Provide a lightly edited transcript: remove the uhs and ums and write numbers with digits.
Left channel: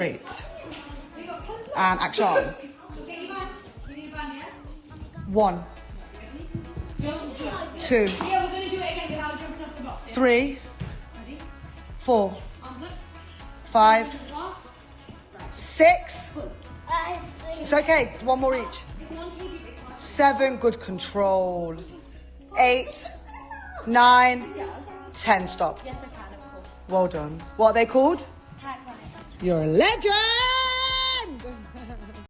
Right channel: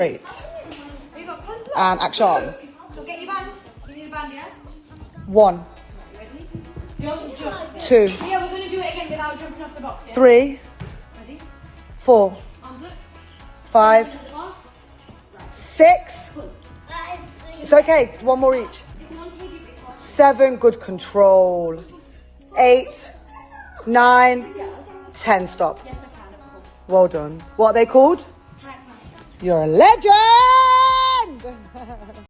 Great. And action. So get your band. You need a band, yeah? 1, Don't jump. 2, Yeah, we're going to do it again without jumping off the box. Yeah? 3, Ready? 4, Arms up. 5, One. 6. It's okay. 1 more each. 7. Good control. 8, 9, 10. Stop. Yes, I can, of course. Well done. What are they called? You're a legend!